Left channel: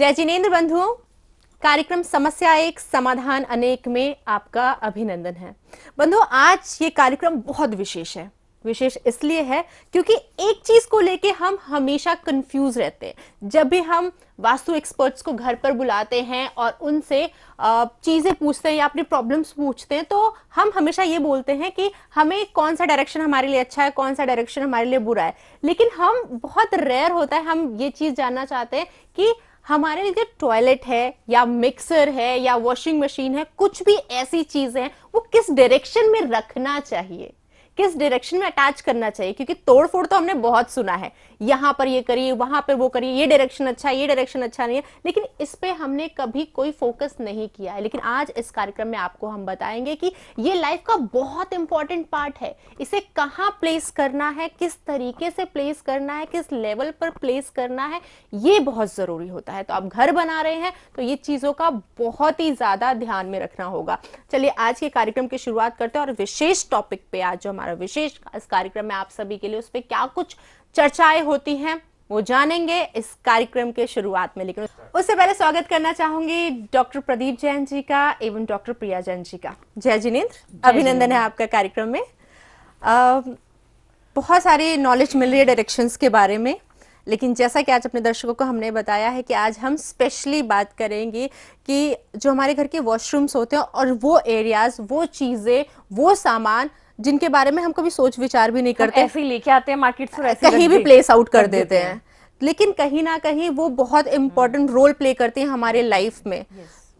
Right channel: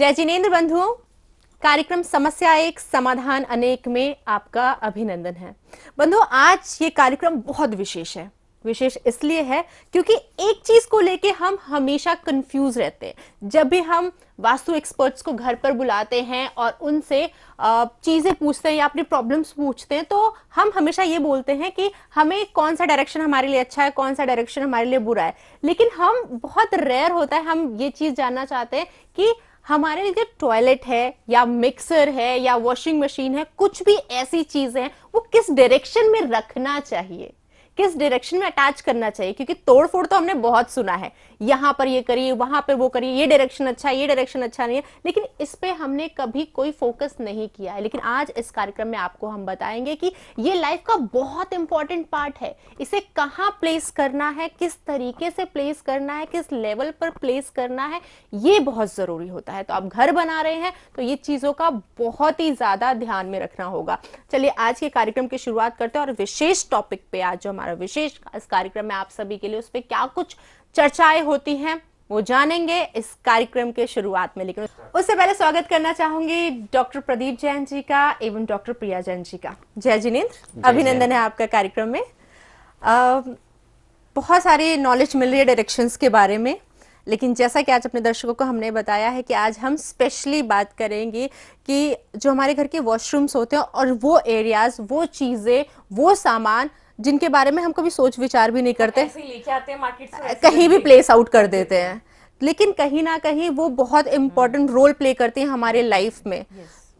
जय जिनेन्द्र बंधुओं, कार्यक्रम समस्या एक समाधान अनेक में आपका अभिनंदन है। बंधुओं, आज ये कार्यक्रम बहुत विशेष है। विशेष इसलिए है क्योंकि एक चीज को लेके हम हमेशा कंफ्यूज रहते हैं। जब भी हम वास्तु एक्सपर्ट्स को घर पर बुलाते हैं और उनसे चीजें पूछते हैं या अपनी प्रॉब्लम्स पूछते हैं, तो हम हमेशा ये बोलते हैं कि हमें कौन सा डायरेक्शन हमारे लिए अच्छा है, कौन सा डायरेक्शन हमारे लिए बुरा है। लेकिन हम बहुत रेयर होता है, हम ये चीज जानना चाहते हैं कि हमारे लिए जो टॉयलेट है या मिक्सर है या वॉशिंग मशीन है, कुछ भी ऐसी चीजें हैं, वो किस डायरेक्शन में रखना चाहिए, किस डायरेक्शन में अटैच करना चाहिए। क्योंकि तोड़ फोड़ तो हमने बहुत सुना है, यहां पर ये करिए, वहां पर वो करिए, ये डायरेक्शन अच्छा है, ये डायरेक्शन अच्छा नहीं है, लेकिन इस पे हमने कभी कोई फोकस नहीं किया है। लेकिन आज इस कार्यक्रम में आपको हम बताएंगे कि ये लाइफ का बहुत इंपॉर्टेंट पार्ट है। इसे कहां प्लेस करना है, किस तरीके से प्लेस करना है, किस लेवल पर प्लेस करना है, ये बहुत जरूरी होता है। तो आप घर बना रहे हैं तो ये चीजों का बहुत ही ज्यादा ध्यान में रखना होगा। चलिए आज के कार्यक्रम की शुरुआत करते हैं और विशेष टॉपिक पे, आज जो हमारा विशेष इस कार्यक्रम में आप सभी के लिए उस पे क्या कुछ चर्चाएं होती हैं वो जानेंगे इस कार्यक्रम के शुरुआत में। लेकिन उससे पहले स्वागत करना चाहूंगी डॉक्टर प्रदीप जैन जी का एवं डॉक्टर प्रिया जैन जी का। जय जिनेन्द्र, अभिनंदन है आपका कार्यक्रम में। बहुत सारी नॉलेज मिल रही है डायरेक्शंस के बारे में, लेकिन जैसा कि आज अपने दर्शकों को हमने बताया है कि आज हम स्पेशली बात करेंगे कि जो हमारे घर के वॉशरूम्स होते हैं और वो एरियाज, वो चीजें, वो सामान जिनके बारे में हम कभी सोच विचार भी नहीं करते, ऐसे ही लेके आते हैं मार्केट से, कहीं भी प्लेस आउट कर देते हैं, लेकिन कहीं ना कहीं वो बहुत इंपॉर्टेंट रोल प्ले करती हैं हमारे लाइफ में।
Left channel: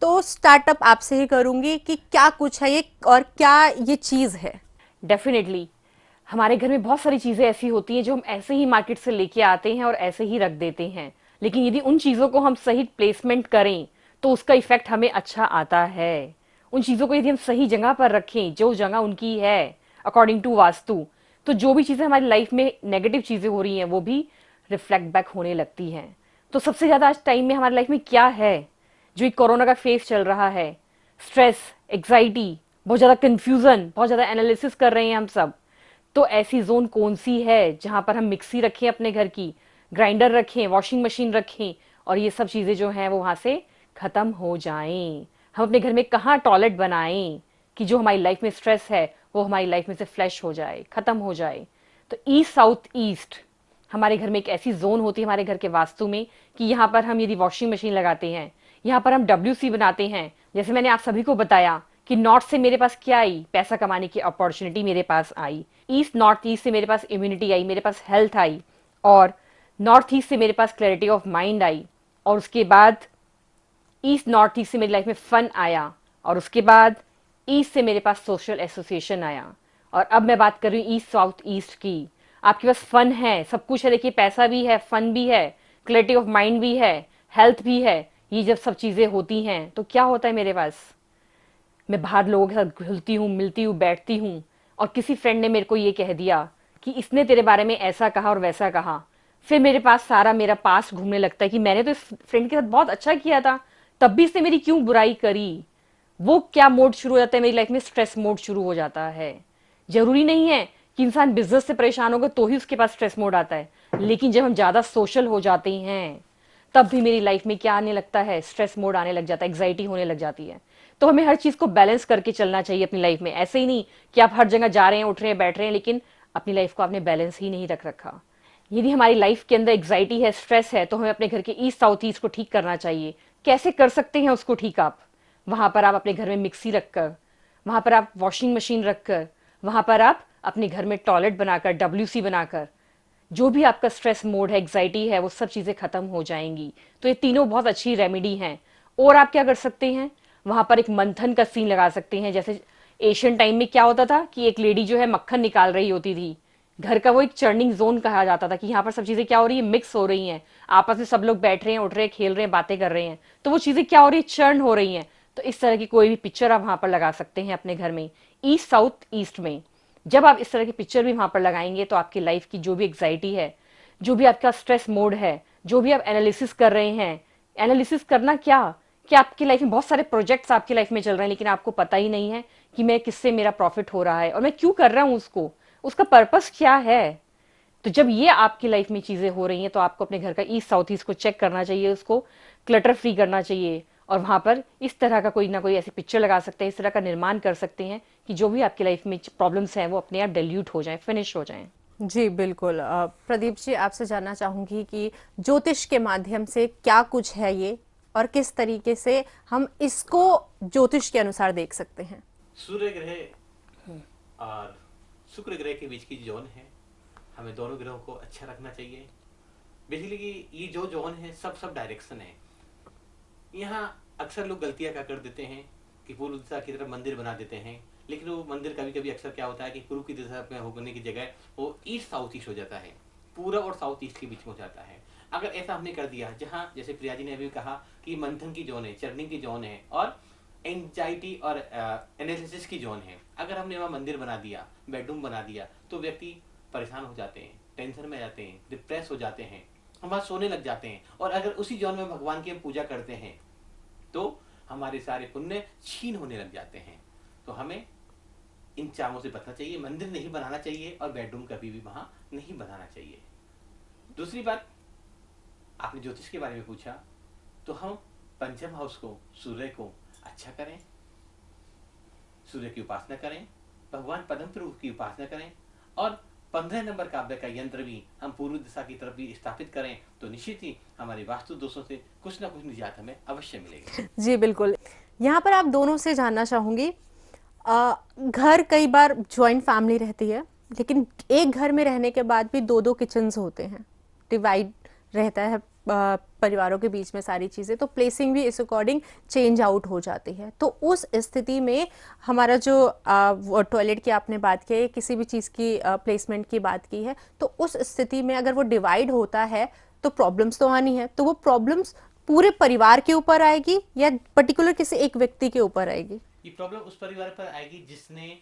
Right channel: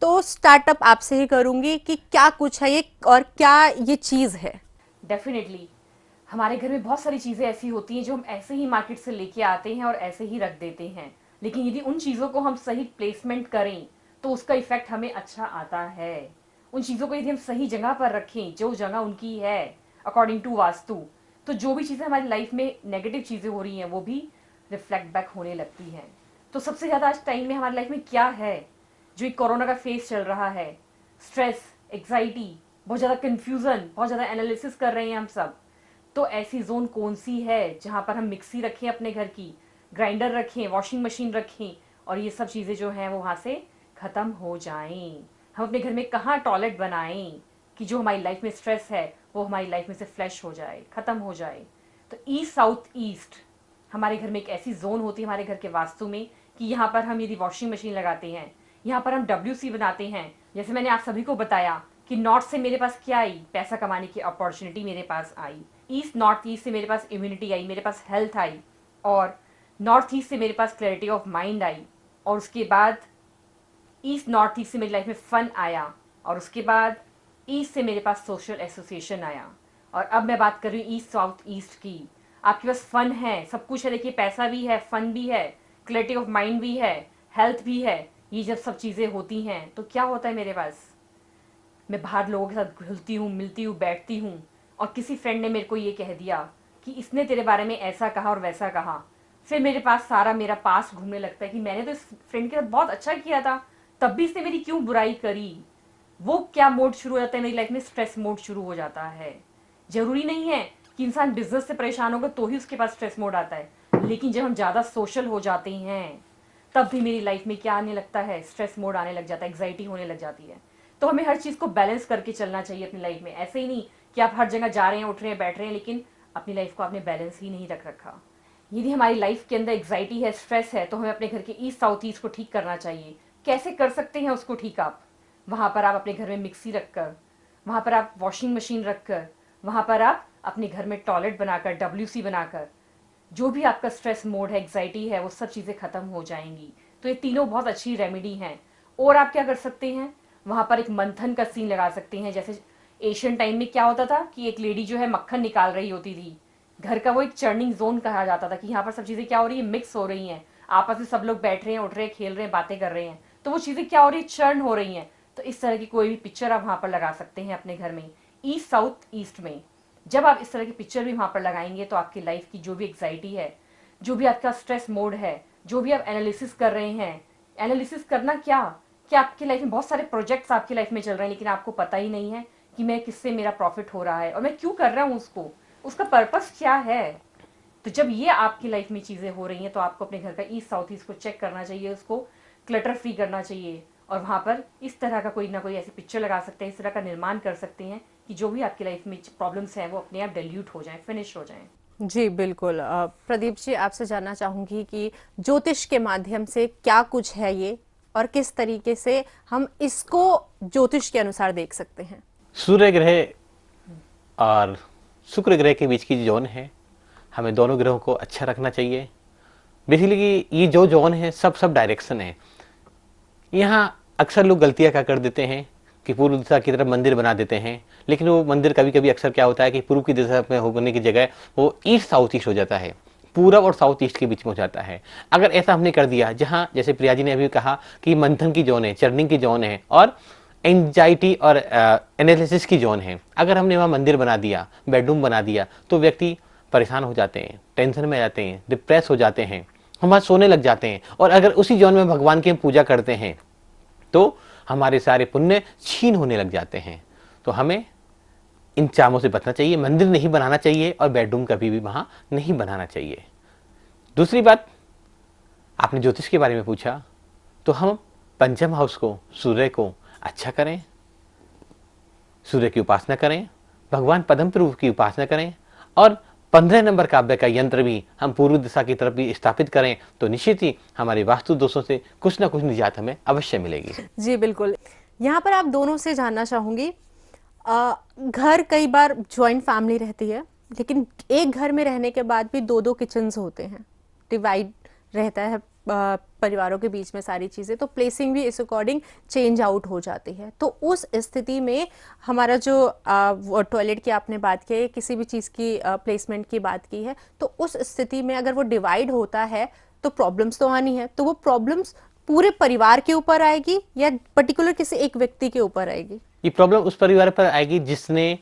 तो स्टार्टअप आपसे ही करूंगी कि क्या कुछ है ये और क्या ये चीज है। डेफिनेटली हमारे घर में बहुत सारी चीजें ऐसी होती हैं जो हम ऐसे ही मार्केट से लेके आते हैं और ऐसे ही रख देते हैं, लेकिन यदि उन चीजों को हम सही प्लेसमेंट करें तो उसका इफेक्ट हमें अच्छा आता है। उन चीजों को यदि हम सही जगह पर रखें, जो जगह उनकी है अकॉर्डिंग टू वास्तु, तो जो भी चीजें हमारी लाइफ में नेगेटिव चीजें हो रही हैं वो भी रिफ्लेक्ट बैक होने लगती हैं। तो सबसे ज्यादा आज टाइम में हमारी लाइफ में क्या है, जो एक कोरोना का फेज चल रहा है, स्ट्रेस, एग्जाइटी, बहुत ज्यादा कंफ्यूजन, बहुत ज्यादा एनालिसिस कर रहे हैं हम सब। तो ऐसी जोन कौन सी है जहां पर हम मिक्सी रखें, अपने घर की ग्राइंडर रखें, वॉशिंग मशीन रखें और ये सब चीजें जो हैं वो वहां से खत्म हो जाएं। हम अपने घर में कहाँ टॉयलेट बनाएं कि जो हमारी लाइफ में स्ट्रेस है वो हमारी लाइफ में से फ्लैश हो जाए, खत्म हो जाए। तो ईस्ट साउथ ईस्ट हमारे घर में एक ऐसी जोन होती है हमारे घर के वास्तु में कि यहाँ पर हम यदि वॉशिंग मशीन लगाते हैं, यहाँ पर हम WC बनाते हैं। जैसे मैंने आप सभी को बताया कि नॉर्थ से मेरे पास क्या आई, पैसा कमाने की अपॉर्चुनिटी मेरे पास आई। ईस्ट नॉर्थ ईस्ट से मेरे पास इम्यूनिटी आई, मेरे पास हेल्थ आई, और नॉर्थ ईस्ट से मेरे पास क्लैरिटी ऑफ माइंड आई, और उसके बाद ईस्ट नॉर्थ ईस्ट से मेरी लाइफ में फन आया, और उसके बाद ईस्ट से मेरे पास सोशल एसोसिएशन आया। और अब मैं बात कर रही हूँ ईस्ट साउथ ईस्ट की। आपके पास फन है, सब कुछ है, देखिए पैसा भी है, फन भी है, क्लैरिटी ऑफ माइंड भी है, हेल्थ भी है। ये जब सब चीजें होती हैं तो क्या होता है मेरे पास, मैं बाहर लोगों के साथ घुलती हूँ, मिलती हूँ, बैठती हूँ, और किसी फ्रेंड ने मेरे को ये कह दिया कि इसने तेरे बारे में ऐसा कहा और वैसा कहा। फिर मेरे पास सारा मेरा पास घूमने लगता है कि मैंने तो इस फ्रेंड के साथ बहुत अच्छा किया था, तब भी इसने मेरी क्यों बुराई करी। वो क्या मोड शुरू हो जाता है मेरी लाइफ में, स्ट्रेस मोड शुरू हो जाता है। जरूरी नहीं है कि इंसान बिजनेस से परेशान होगा तो ही उसके पास स्ट्रेस मोड आता है, लेकिन जब हम ज्यादा सोशल हो जाते हैं तब भी मेरी लाइफ में क्या आने लगता है, स्ट्रेस मोड आने लग जाता है, एग्जाइटी होने लग जाती है। तो हमें हर चीज को बैलेंस करके चलना चाहिए अपनी लाइफ में। ऐसे ही नहीं कि आप हर जगह जा रहे हैं, उठ रहे हैं, बैठ रहे हैं, लेकिन अपनी लाइफ को आपने बैलेंस ही नहीं रख रखा। यदि हमारी लाइफ के अंदर एग्जाइटी है, स्ट्रेस है, तो हमें अपने घर के ईस्ट साउथ ईस्ट को ठीक करना चाहिए। कैसे कर सकते हैं उसको ठीक आप? वहां पर आप अपने घर में मिक्सी रखकर, वहां पर आप वॉशिंग मशीन रखकर, वहां पर आप अपने घर में टॉयलेट बनाकर, WC बनाकर, जो भी आपका स्ट्रेस मोड है, एग्जाइटी है, वो सब चीजें खत्म हो जाएंगी। तो ये तीनों बहुत अच्छी रेमेडी हैं। और आप क्या कर सकते हैं, वहां पर एक मंथन का सीन लगा सकते हैं। जैसे एशियन टाइम में क्या होता था कि एक लेडी जो है मक्खन निकाल रही होती थी, घर का वो एक चर्निंग जोन कहा जाता था कि यहाँ पर सब चीजें क्या हो रही है, मिक्स हो रही हैं, आपस में सब लोग बैठ रहे हैं, उठ रहे हैं, खेल रहे हैं, बातें कर रहे हैं, तो वो चीजें क्या हो रही है, चर्न हो रही हैं। तो इस तरह की कोई भी पिक्चर आप वहां पर लगा सकते हैं अपने घर में, ईस्ट साउथ ईस्ट में। जब आप इस तरह की पिक्चर भी वहां पर लगाएंगे तो आपकी लाइफ की जो भी एग्जाइटी है, जो भी आपका स्ट्रेस मोड है, जो भी आप एनालिसिस कर रहे हैं, एनालिसिस करना क्या कि आपकी लाइफ में बहुत सारे प्रोजेक्ट्स आपकी लाइफ में चल रहे हैं, लेकिन आपको पता ही नहीं है कि मैं किससे मेरा प्रॉफिट हो रहा है और मैं क्यों कर रहा हूं उसको, उसका पर्पस क्या है। तो जब ये आपकी लाइफ में चीजें हो रही हैं तो आपको अपने घर का ईस्ट साउथ ईस्ट को चेक करना चाहिए, उसको क्लटर फ्री करना चाहिए, और वहां पर इस तरह का कोई ना कोई ऐसी पिक्चर लगा सकते हैं, इस तरह का निर्माण कर सकते हैं कि जो भी आपकी लाइफ में प्रॉब्लम्स हैं वो अपने आप डाइल्यूट हो जाएं, फिनिश हो जाएं। जी बिल्कुल। प्रदीप जी, आपसे जानना चाहूंगी कि ज्योतिष के माध्यम से क्या कुछ है ये, और किस तरीके से हम इसको ज्योतिष के अनुसार देख सकते हैं। सूर्य ग्रह और शुक्र ग्रह के बीच की जो जोन है, हमें दोनों ग्रहों को अच्छा रखना चाहिए। बेसिकली ये जो जोन है सब डायरेक्शन है। यहाँ अक्सर लोग गलतियाँ क्या कर देते हैं कि पूर्व दिशा की तरफ मंदिर बना देते हैं, लेकिन वो मंदिर कभी कभी अक्सर क्या होता है कि पूर्व की दिशा में होने की जगह वो ईस्ट साउथ ईस्ट हो जाता है, पूरब और साउथ ईस्ट के बीच में हो जाता है। अगर ऐसा हमने कर दिया, जहाँ जैसे प्रिया जी ने अभी कहा कि मंथन की जोन है, चर्निंग की जोन है और एंजाइटी और एनालिसिस की जोन है, अगर हमने वहाँ मंदिर बना दिया, बेडरूम बना दिया, तो व्यक्ति परेशान हो जाते हैं, टेंशन में आ जाते हैं, डिप्रेस हो जाते हैं, हम वहाँ सोने लग जाते हैं। और अगर उसी जोन में भगवान की हम पूजा करते हैं तो हमारे सारे पुण्य छीन होने लग जाते हैं। तो हमें इन चामों से बचना चाहिए, मंदिर नहीं बनाना चाहिए और बेडरूम कभी भी वहां नहीं बनाना चाहिए। दूसरी बात, आपने ज्योतिष के बारे में पूछा, तो हम पंचम हाउस को, सूर्य को अच्छा करें, सूर्य की उपासना करें, भगवान पद्म प्रभु की उपासना करें, और 15 नंबर काव्य का यंत्र भी हम पूर्व दिशा की तरफ भी स्थापित करें, तो निश्चित ही हमारे वास्तु दोषों से कुछ ना कुछ निजात हमें अवश्य मिलेगी। जी बिल्कुल। यहाँ पर आप दोनों से जानना चाहूंगी, घर कई बार जॉइंट फैमिली रहती है, लेकिन एक घर में रहने के बाद भी दो दो किचन्स होते हैं, डिवाइड रहता है परिवारों के बीच में सारी चीज़ें, तो प्लेसिंग भी इस अकॉर्डिंग चेंज आउट हो जाती है। तो उस स्थिति में हमारा जो टॉयलेट की आपने बात की है, किसी भी चीज़ की प्लेसमेंट की बात की है, तो उस स्थिति में अगर वो डिवाइड होता है तो प्रॉब्लम्स तो आनी है। तो वो प्रॉब्लम्स पूरे परिवार के ऊपर आएगी या पर्टिकुलर किसी एक व्यक्ति के ऊपर आएगी? ये प्रॉब्लम उस परिवार पर आएगी जिसने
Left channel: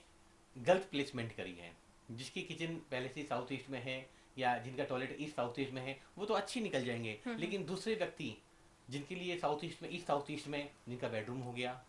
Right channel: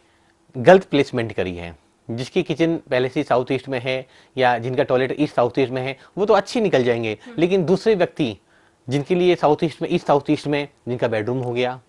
गलत प्लेसमेंट करी है, जिसकी किचन पहले से साउथ ईस्ट में है या जिनका टॉयलेट ईस्ट साउथ ईस्ट में है, वो तो अच्छी निकल जाएंगे। लेकिन दूसरे व्यक्ति जिनके लिए साउथ ईस्ट में, ईस्ट साउथ ईस्ट में जिनका बेडरूम हो गया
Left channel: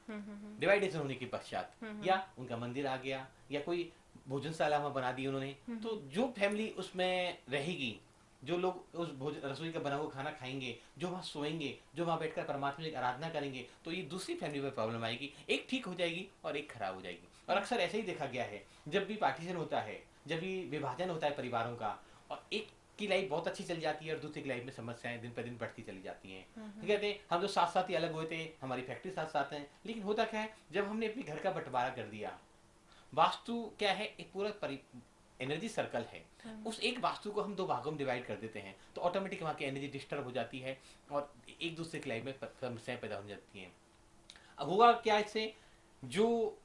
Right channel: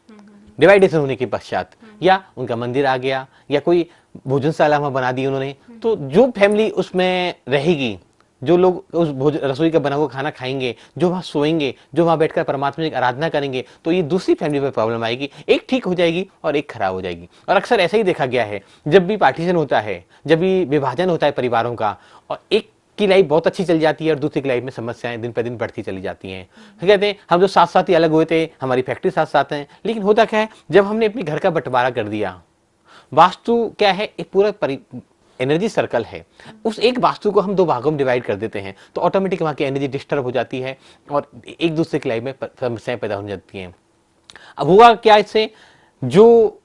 डिवाइडेशन होने के पश्चात, या उनका मंदिर आ गया, या कोई भोजनशाला वहां बना दी उन्होंने, तो जो फैमिली उसमें रहेगी, जो लोग उस रसोई का बना हुआ खाना खाएंगे, जो वहां सोएंगे, जो वहां बैठकर परमात्मा की आराधना करेंगे, तो ये दूसरी फैमिली पर प्रॉब्लम आएगी। एक ठीक हो जाएगी और एक खराब हो जाएगी। और अक्सर ऐसा ही देखा गया है, जब भी पार्टीशन होता है, जब भी विभाजन होता है परिवारों का, और एक की लाइफ बहुत अच्छी चल जाती है और दूसरी की लाइफ में समस्याएं दिन पर दिन बढ़ती चली जाती हैं। तो कहते हैं हम जो साथ साथ ही अलग हुए थे, हमारी फैक्ट्री साथ साथ है, लेकिन होता क्या है, जब हमने अपने घर का बंटवारा कर दिया, वास्तु क्या है, एक पूरा एनर्जी सर्कल है, उस एक वास्तु को हम दो भागों में डिवाइड कर देते हैं, तो ऑटोमेटिक वहां की एनर्जी डिस्टर्ब हो जाती है और एक दूसरे की लाइफ में समस्याएं पैदा हो जाती हैं। अब हुआ क्या इससे, जो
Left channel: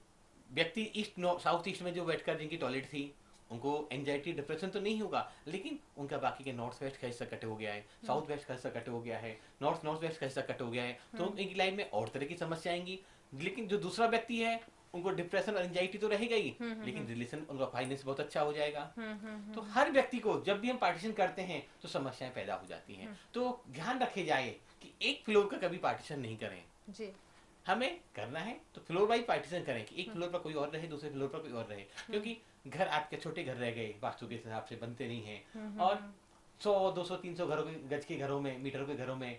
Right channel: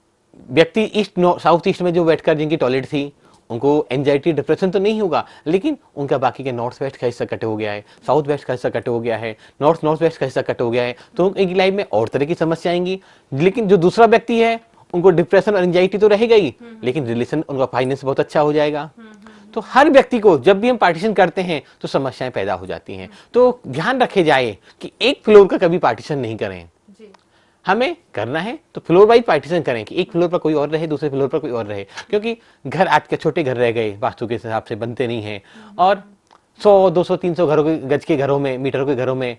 व्यक्ति ईस्ट साउथ ईस्ट में जो बैठकर जिनकी टॉयलेट थी, उनको एंजाइटी डिप्रेशन तो नहीं होगा, लेकिन उनका बाकी के नॉर्थ वेस्ट का हिस्सा कट हो गया है, साउथ वेस्ट का हिस्सा कट हो गया है, नॉर्थ वेस्ट का हिस्सा कट हो गया है, तो उनकी लाइफ में और तरह की समस्या आएंगी। लेकिन जो दूसरा व्यक्ति है, उनको डिप्रेशन और एंजाइटी तो रहेगा ही, लेकिन रिलेशन, उनका फाइनेंस बहुत अच्छा हो जाएगा। तो हर व्यक्ति को जब भी हम पार्टीशन करते हैं तो समस्याएं पैदा हो जाती हैं। तो ध्यान रखे जाए कि एक फ्लोर का कभी पार्टीशन नहीं करें। हमें करना है तो फ्लोर वाइज पार्टीशन करें कि एक फ्लोर पर कोई और रहे, दूसरे फ्लोर पर कोई और रहे, क्योंकि घर आज के छोटे घर रह गए, वास्तु के हिसाब से बनते नहीं हैं। और 100, 200, 300 घरों के गज के घरों में, मीटरों के घरों में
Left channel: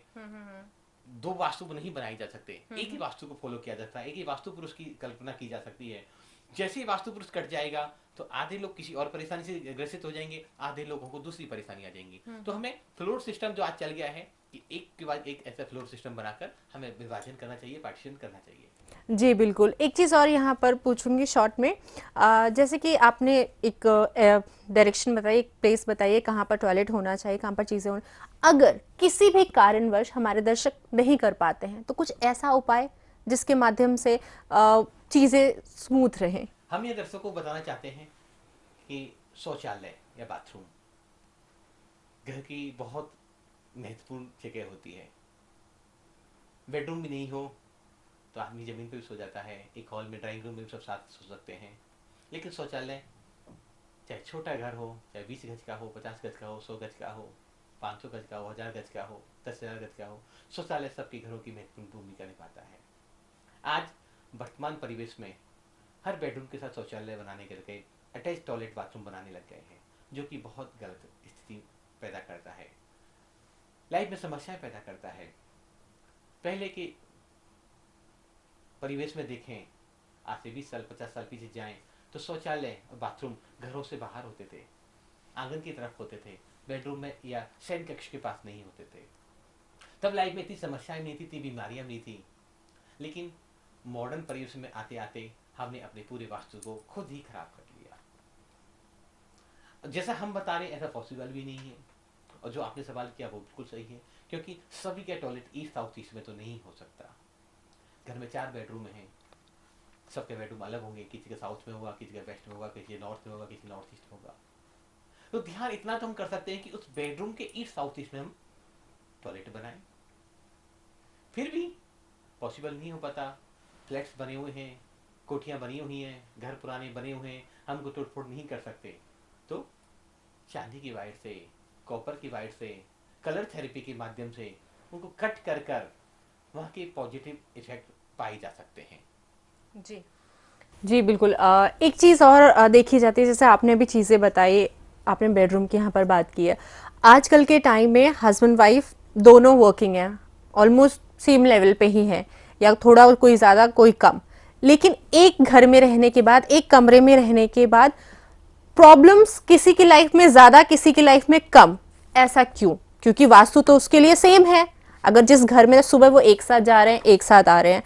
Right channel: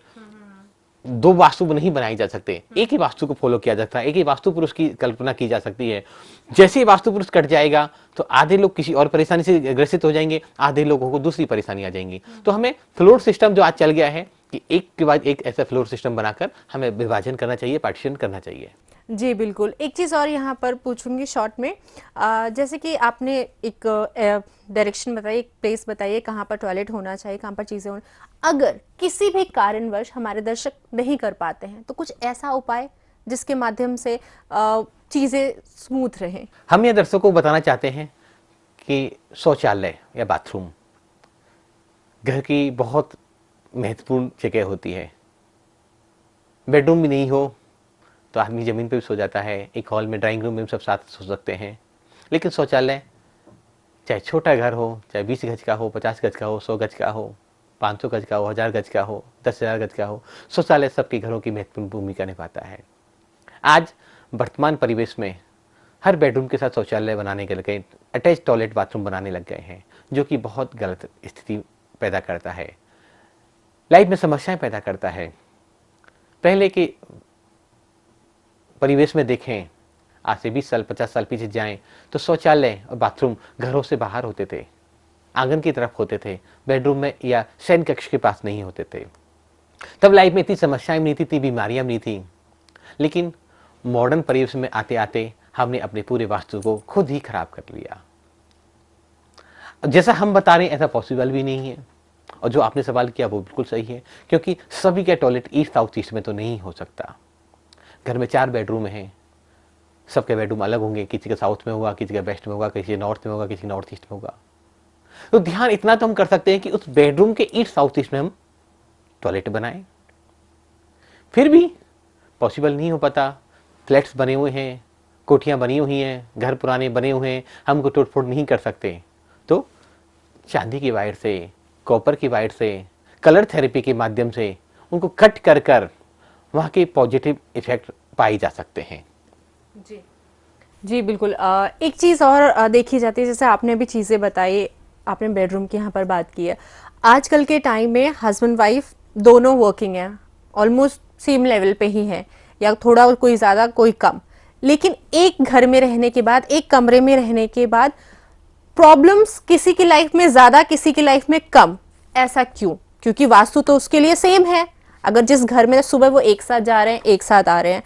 दो वास्तु नहीं बनाई जा सकते, एक ही वास्तु को फॉलो किया जाता है, एक ही वास्तु पुरुष की कल्पना की जा सकती है। जैसे ही वास्तु पुरुष कट जाएगा तो आधे लोग किसी और परेशानी से ग्रसित हो जाएंगे, आधे लोगों को दूसरी परेशानी आ जाएंगी। तो हमें फ्लोर सिस्टम जो आज चल गया है कि एक के बाद एक ऐसा फ्लोर सिस्टम बनाकर हमें विभाजन करना चाहिए, पार्टीशन करना चाहिए। जी बिल्कुल। एक चीज़ और यहाँ पर पूछूंगी शॉर्ट में, जैसे कि आपने एक डायरेक्शन बताई, एक प्लेस बताइए कहाँ पर टॉयलेट होना चाहिए, कहाँ पर चीज़ें होना, अगर किसी भी कारणवश हमारे दर्शक नहीं कर पाते हैं तो कुछ ऐसा उपाय जिसके माध्यम से चीज़ें स्मूथ रहें? हम ये दर्शकों को बताना चाहते हैं कि शौचालय या बाथरूम घर की बहुत महत्वपूर्ण जगह होती है। बेडरूम भी नहीं हो तो आदमी जमीन पे भी सो जाता है, एक हॉल में, ड्राइंग रूम में सब साथ सो सकते हैं, लेकिन शौचालय चाहे छोटा घर हो, चाहे 20 गज का हो, 50 गज का हो, 100 गज का हो, 500 गज का हो, 1000 गज का हो, 10,000 गज का हो, शौचालय सबके घरों की महत्वपूर्ण भूमिका निभाता है। आज वर्तमान परिवेश में हर बेडरूम के साथ शौचालय बनाने के लगे, अटैच टॉयलेट बाथरूम बनाने लग गए हैं, जो कि बहुत गलत स्थिति पैदा करता है, लाइफ में समस्याएं पैदा करता है। पहले के परिवेश में देखें, आज से 20 साल 50 साल पीछे जाएं तो शौचालय और बाथरूम घरों से बाहर होते थे, आंगन की तरफ होते थे, बेडरूम में या शयन कक्ष के पास नहीं होते थे। तब लाइफ में इतनी समस्याएं नहीं थी, इतनी बीमारियां नहीं थी। लेकिन मॉडर्न परिवेश में आते आते हमने अपने पूरे वास्तु को खुद ही खराब कर लिया। जैसा हम बता रहे हैं ऐसा पॉसिबल भी नहीं है, और जो आपने सवाल किया वो बिल्कुल सही है, क्योंकि सभी का टॉयलेट ईस्ट साउथ ईस्ट में तो नहीं हो सकता। घर में 4 बेडरूम हैं, सबके बेडरूम अलग होंगे, किसी का साउथ में होगा, किसी का वेस्ट में होगा, किसी नॉर्थ में होगा, किसी नॉर्थ ईस्ट में होगा। तो ध्यान इतना तो हम कर सकते हैं कि उस बेडरूम के ईस्ट साउथ ईस्ट में हम टॉयलेट बनाएं। फिर भी पॉसिबल नहीं हो पाता, फ्लैट्स बने हुए हैं, कोठियां बनी हुई हैं, घर पुराने बने हुए हैं, हम को तोड़ फोड़ नहीं कर सकते। तो चांदी की वायर से, कॉपर की वायर से, कलर थेरेपी के माध्यम से उनको कट कर कर वहाँ के पॉजिटिव इफेक्ट पाए जा सकते हैं। जी बिल्कुल। एक चीज़ और देखी जाती है, जैसे आपने अभी चीज़ें बताई, आपने बेडरूम की यहाँ पर बात की है। आजकल के टाइम में हस्बैंड वाइफ दोनों वर्किंग हैं, ऑलमोस्ट सेम लेवल पे ही हैं, या थोड़ा कोई ज़्यादा कोई कम, लेकिन एक घर में रहने के बाद, एक कमरे में रहने के बाद प्रॉब्लम्स किसी की लाइफ में ज़्यादा, किसी की लाइफ में कम। ऐसा क्यों? क्योंकि वास्तु तो उसके लिए सेम है। अगर जिस घर में सुबह वो एक साथ जा रहे हैं, एक साथ आ रहे हैं,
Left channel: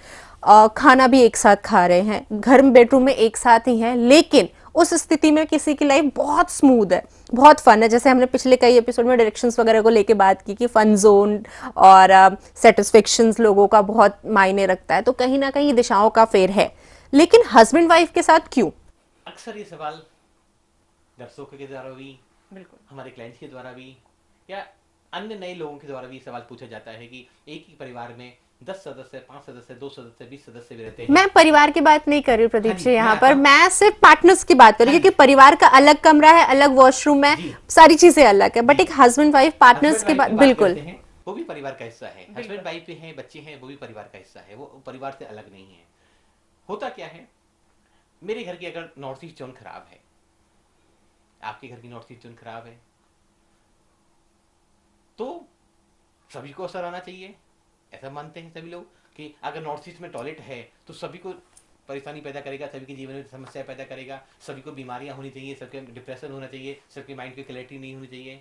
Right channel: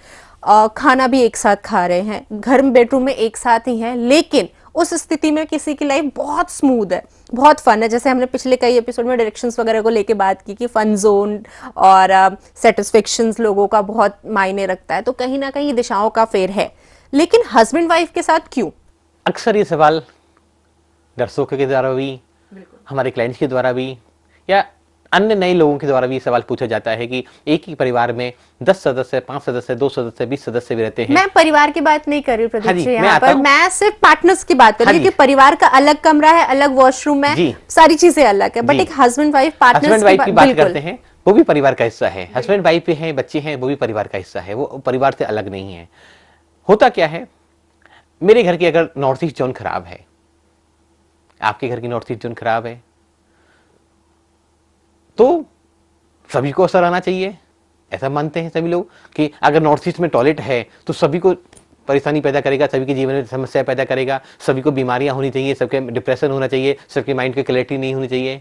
खाना भी एक साथ खा रहे हैं, घर में बेडरूम में एक साथ ही हैं, लेकिन उस स्थिति में किसी की लाइफ बहुत स्मूथ है, बहुत फन है। जैसे हमने पिछले कई एपिसोड में डायरेक्शंस वगैरह को लेके बात की कि फन जोन और सेटिस्फेक्शंस लोगों का बहुत मायने रखता है, तो कहीं ना कहीं दिशाओं का फेर है। लेकिन हस्बैंड वाइफ के साथ क्यों? अक्सर ये सवाल दर्शकों के द्वारा भी, हमारे क्लाइंट्स के द्वारा भी, या अन्य नए लोगों के द्वारा भी सवाल पूछा जाता है कि एक ही परिवार में 10 सदस्य, 5 सदस्य, 2 सदस्य, 20 सदस्य भी रहते हैं। मैं परिवार की बात नहीं कर रही हूँ प्रदीप जी, यहाँ पर हूँ। मैं सिर्फ पार्टनर्स की बात कर रही हूँ, क्योंकि परिवार का अलग कमरा है, अलग वॉशरूम है, सारी चीजें अलग है, बट एक हस्बैंड वाइफ पार्टनर्स की बात बिल्कुल करते हैं, वो भी परिवार का हिस्सा है। हस्बैंड वाइफ भी हैं, बच्चे हैं, वो भी परिवार का हिस्सा है, वो परिवार से अलग नहीं है। होता क्या है, मेरे घर की अगर नॉर्थ ईस्ट जोन खराब है, आपके घर की नॉर्थ ईस्ट जोन खराब है, तो सभी को असर आना चाहिए। ऐसा मानते हैं सभी लोग कि अगर नॉर्थ ईस्ट में टॉयलेट है तो सभी को परेशानी पैदा करेगा, सभी के जीवन में समस्या पैदा करेगा, सभी को बीमारियां होनी चाहिए, सबके डिप्रेशन होना चाहिए, सबके माइंड की क्लैरिटी नहीं होनी चाहिए।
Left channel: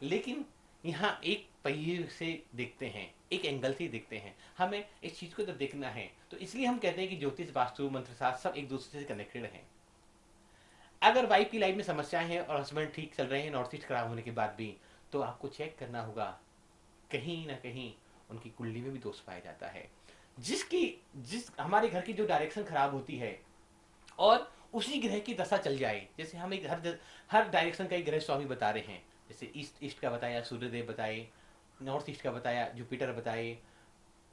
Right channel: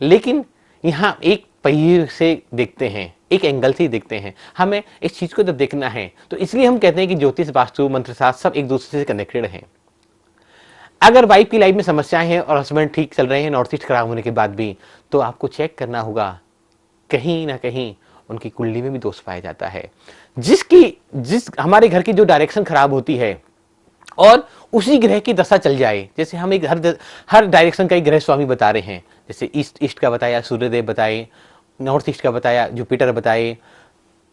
लेकिन यहाँ एक पहिए से देखते हैं, एक एंगल से ही देखते हैं, हमें इस चीज को जब देखना है तो इसलिए हम कहते हैं कि ज्योतिष, वास्तु, मंत्रशास्त्र सब एक दूसरे से कनेक्टेड हैं। अगर वाइफ की लाइफ में समस्याएं हैं और हस्बैंड ठीक चल रहे हैं नॉर्थ ईस्ट खराब होने के बाद भी, तो आपको चेक करना होगा, कहीं ना कहीं उनकी कुंडली में भी दोष पाया जाता है। जिस हमारे घर की जो डायरेक्शन खराब होती है और उसी ग्रह की दशा चल जाए, जैसे हम एक हर डायरेक्शन का एक ग्रह स्वामी बता रहे हैं, जैसे ईस्ट का बताया सूर्यदेव बताए, नॉर्थ ईस्ट का बताया जुपिटर बताए,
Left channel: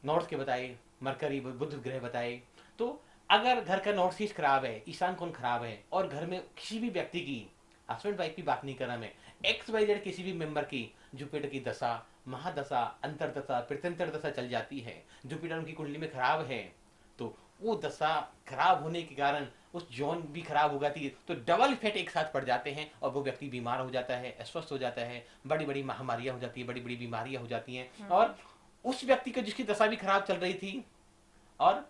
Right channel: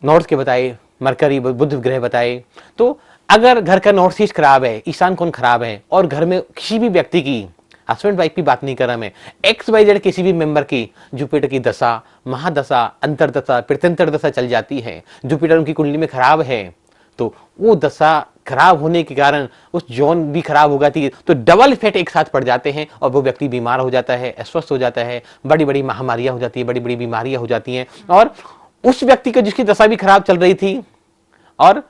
नॉर्थ के बताए मरकरी बुध ग्रह बताए। तो अगर घर का नॉर्थ ईस्ट खराब है, ईशान कोण खराब है, और घर में किसी भी व्यक्ति की, हस्बैंड वाइफ की बात नहीं कर रहा मैं, XYZ किसी भी मेंबर की जुपिटर की दशा, महादशा, अंतरदशा, प्रत्यंतर दशा चल जाती है, जुपिटर उनकी कुंडली में खराब है, तो वो दशा खराब होने के कारण उस जोन भी खराब हो जाती है, तो डबल इफेक्ट एक साथ पड़ जाते हैं और वो व्यक्ति बीमार हो जाता है, अस्वस्थ हो जाता है, बड़ी बड़ी महामारियां हो जाती है, बड़ी बड़ी बीमारियां हो जाती हैं। और उस व्यक्ति को जिसकी दशा भी खराब चल रही थी और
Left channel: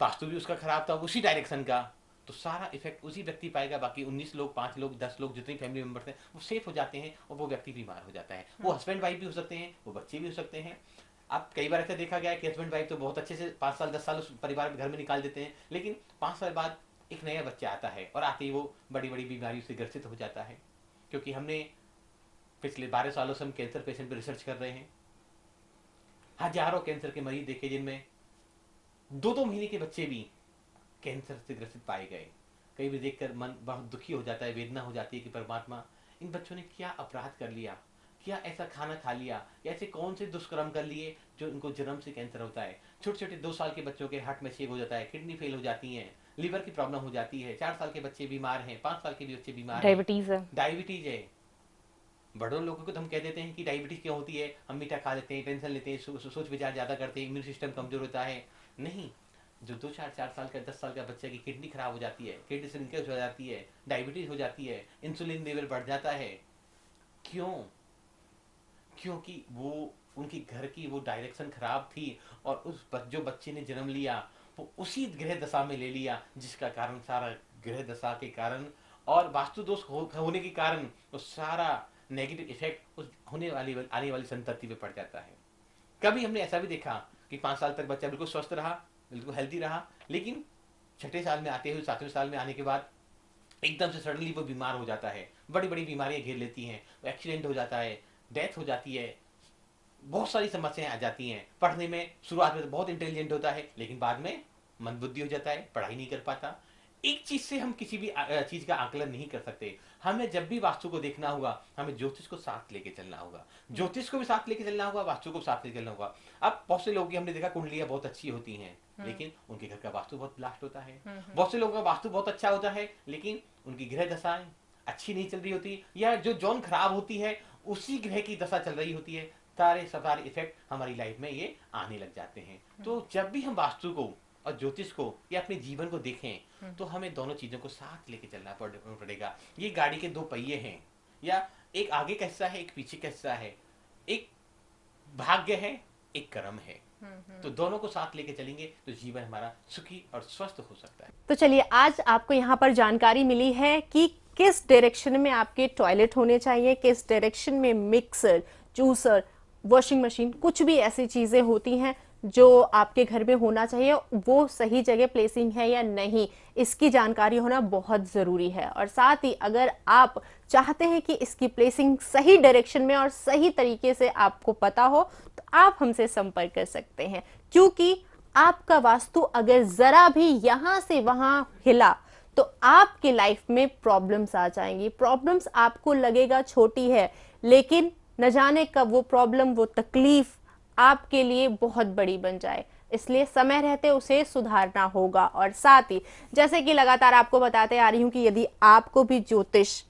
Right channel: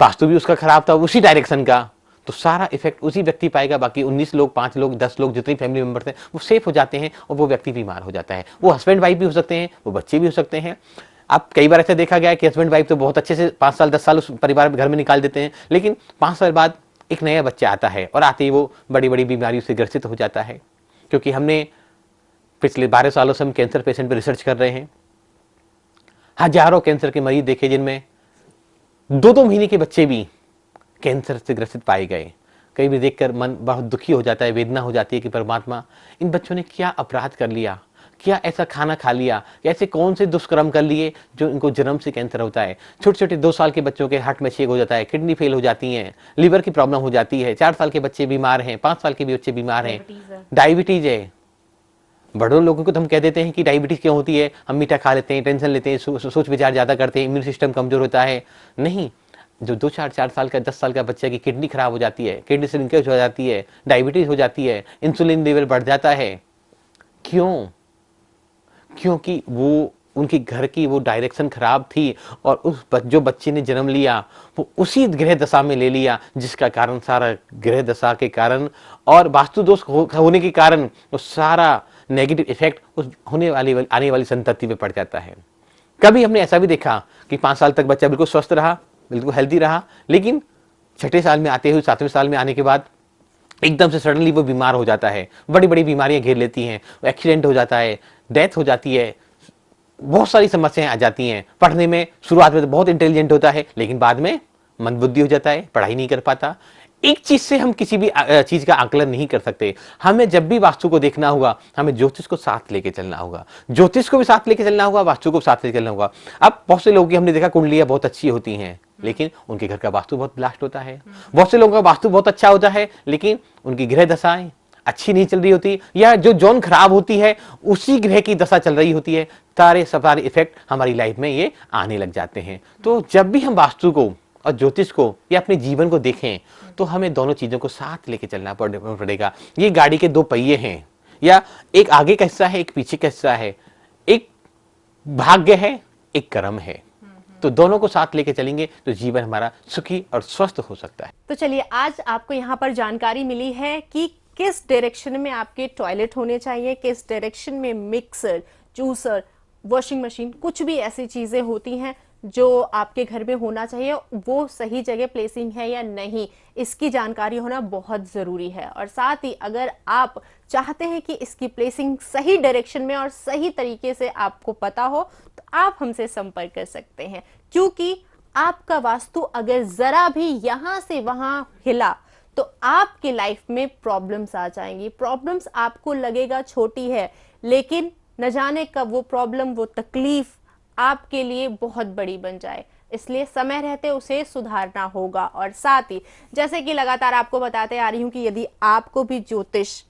वास्तु भी उसका खराब था उसी डायरेक्शन का, तो सारा इफेक्ट उसी व्यक्ति पाएगा। बाकी 19 लोग, 5 लोग, 10 लोग, जितनी फैमिली मेंबर्स हैं वो सेफ हो जाते हैं और वो व्यक्ति बीमार हो जाता है। वो हस्बैंड वाइफ भी हो सकते हैं, वो बच्चे भी हो सकते हैं। अब कई बार ऐसा देखा गया है कि हस्बैंड वाइफ तो बहुत अच्छे से 5 साल 10 साल उस परिवार घर में निकाल देते हैं, लेकिन 5 साल बाद एक नया बच्चा आता है और आते ही वो बड़ी बड़ी बीमारियों से ग्रसित हो जाता है। क्योंकि हमने पिछले 12 सालों से हम कैंसर पेशेंट पर रिसर्च कर रहे हैं, हजारों कैंसर के मरीज देखे जिनमें 2-2 महीने के बच्चे भी कैंसर से ग्रसित पाए गए। कई भी देखकर मन बहुत दुखी हो जाता है, वेदना हो जाती है कि परमात्मा, इन बच्चों ने क्या अपराध कर लिया, क्या ऐसा खाना खा लिया, ऐसे कौन से दुष्कर्म कर लिए जो इनको जन्म से कैंसर होता है। छोटे छोटे 2 साल के बच्चों के हार्ट में छेद हो जाता है, किडनी फेल हो जाती है, लिवर की प्रॉब्लम हो जाती है, 4 साल के बच्चे बीमार हैं, 5 साल के भी बच्चे बीमार हैं, डायबिटीज है। बड़ों लोगों को तो हम कह देते हैं कि डायबिटीज क्यों होती है, हम मीठा खा लेते हैं, टेंशन लेते हैं, सोच विचार ज्यादा करते हैं, इम्यून सिस्टम कमजोर होता है। नहीं, जो 2-4 साल का 10 साल का बच्चा की किडनी खराब हो जाती है, किडनी श्रिंकेज हो जाती है, डायबिटीज हो जाती है, इंसुलिन लेवल बढ़ जाता है, क्यों? क्योंकि वो उनकी घर की वो डायरेक्शन खराब थी और जो बच्चे ने जन्म लिया वो उसी ग्रह दशा में ले लिया, जिसका कारण सारा ग्रह दशा के कारण और वास्तु दोष होने के कारण वो सारा नेगेटिव इफेक्ट उस आने वाली संतति पे पड़ जाता है। कभी हमने ऐसा भी देखा कि 5 साल तक बच्चा बिल्कुल स्वस्थ रहा, बिल्कुल हेल्दी रहा, लेकिन 6ठे साल में आते हुए 7वें साल में आने के बाद एकदम से सडनली वो बीमार हो जाता है, बड़ी बड़ी बीमारियां घेर लेती हैं, एक्सीडेंट हो जाता है, डेथ हो जाती है, बहुत सारी समस्याएं आ जाती हैं। पढ़ने में शुरुआत में तो बहुत इंटेलिजेंट होता है, लेकिन बाद में मंदबुद्धि हो जाता है, पढ़ाई नहीं कर पाता। एक चीज से हम किसी भी चीज का आकलन नहीं कर सकते। हमें जब भी वास्तु को देखना होगा, हमें ज्योतिष को साथ लेके चलना होगा, ज्योतिष को भी साथ लेके चलना होगा, वास्तु को साथ लेके चलना होगा। अब बहुत से लोगों की हमने देखा कुंडलियां बहुत अच्छी होती हैं, लेकिन उनके घर का वास्तु बहुत ब्लास्ट होता है। बहुत से लोगों का वास्तु बहुत अच्छा होता है, लेकिन उनकी ग्रह दशाएं अच्छी नहीं चल रही होती, या जो जोन खराब होती है उसी ग्रह की दशा चल रही होती है। सारे इफेक्ट हमारी लाइफ में ये आने लग जाते हैं। तो जब भी हम वास्तु को और ज्योतिष को या अपने जीवन को देखें, तो हमें दोनों चीजों को साथ लेके चलना पड़ेगा। ये गाड़ी के 2 पहिए हैं, या एक आगे का हिस्सा है, एक पीछे का हिस्सा है, एक भाग्य है, एक कर्म है। तो दोनों को साथ लेके चलेंगे तो जीवन हमारा सुखी और स्वस्थ हो सकता है। तो चलिए, आज आपको यहाँ पर जानकारी मिली है कि किस डायरेक्शन में आपके टॉयलेट होने चाहिए, किस डायरेक्शन में मिक्सर, जूसर, वॉशिंग मशीन, कुछ भी ऐसी चीजें होती हैं जो आपके घर में होना चाहिए, वो सही जगह प्लेसिंग है या नहीं, इसकी जानकारी होना बहुत जरूरी है। और साथ ही अगर आप चाहते हैं कि इसकी प्लेसिंग सही डायरेक्शन में और सही तरीके से आपको पता हो, तो आप हमसे संपर्क कर सकते हैं, क्योंकि आपका वास्तु अगर जरा भी यहां से वहां हिला तो आपके लाइफ में प्रॉब्लम्स आ जाएंगी। प्रॉब्लम्स आपको लगेगा छोटी है, लेकिन न जाने कब वो प्रॉब्लम, वो तकलीफ आपके लिए बहुत बड़ी बन जाए। इसलिए समय रहते उसे सुधारना होगा। और साथ ही जैसे कि लगातार आपको बताते आ रही हूं कि यदि आपको भी ज्योतिष,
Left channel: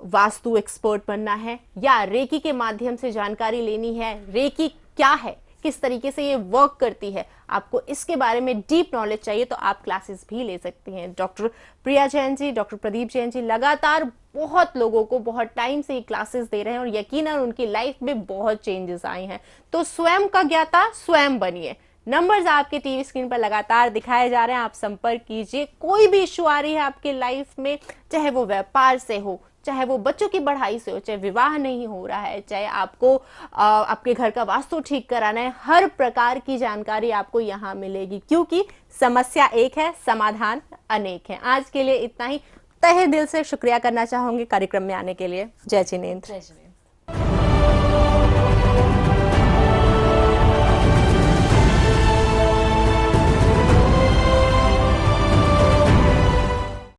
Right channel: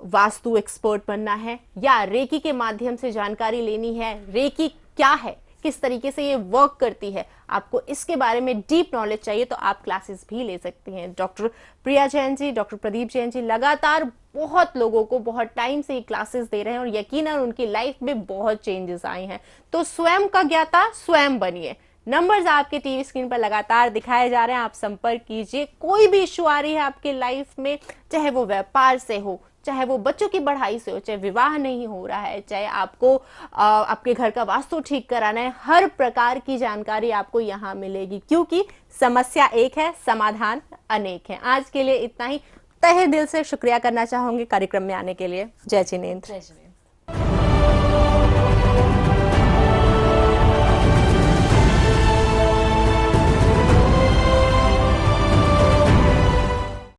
वास्तु एक्सपर्ट बनना है या रेकी के माध्यम से जानकारी लेनी है, रेकी क्या है, किस तरीके से ये वर्क करती है, आपको इसके बारे में डीप नॉलेज चाहिए, तो आप क्लासेस भी ले सकती हैं। डॉक्टर प्रिया जैन जी, डॉक्टर प्रदीप जैन जी लगातार बहुत लोगों को बहुत टाइम से ये क्लासेस दे रहे हैं और यकीनन उनकी लाइफ में बहुत चेंजेस आए हैं। तो स्वयं का ज्ञाता स्वयं बनिए। नंबर्स आपके टीवी स्क्रीन पर लगातार दिखाए जा रहे हैं, आप संपर्क कीजिए। कोई भी इश्यू आ रही है आपके लाइफ में, चाहे वो व्यापार से हो, चाहे वो बच्चों की पढ़ाई से हो, चाहे विवाह नहीं हो रहा है, चाहे आपको आपके घर का वास्तु ठीक कराना है, हर प्रकार की जानकारी आपको यहाँ मिलेगी, क्योंकि समस्या एक है, समाधान अनेक है। आज के लिए इतना ही। तहे दिल से शुक्रिया करना चाहूंगी कार्यक्रम में आने के लिए। जय जिनेंद्र। जय जिनेंद्र।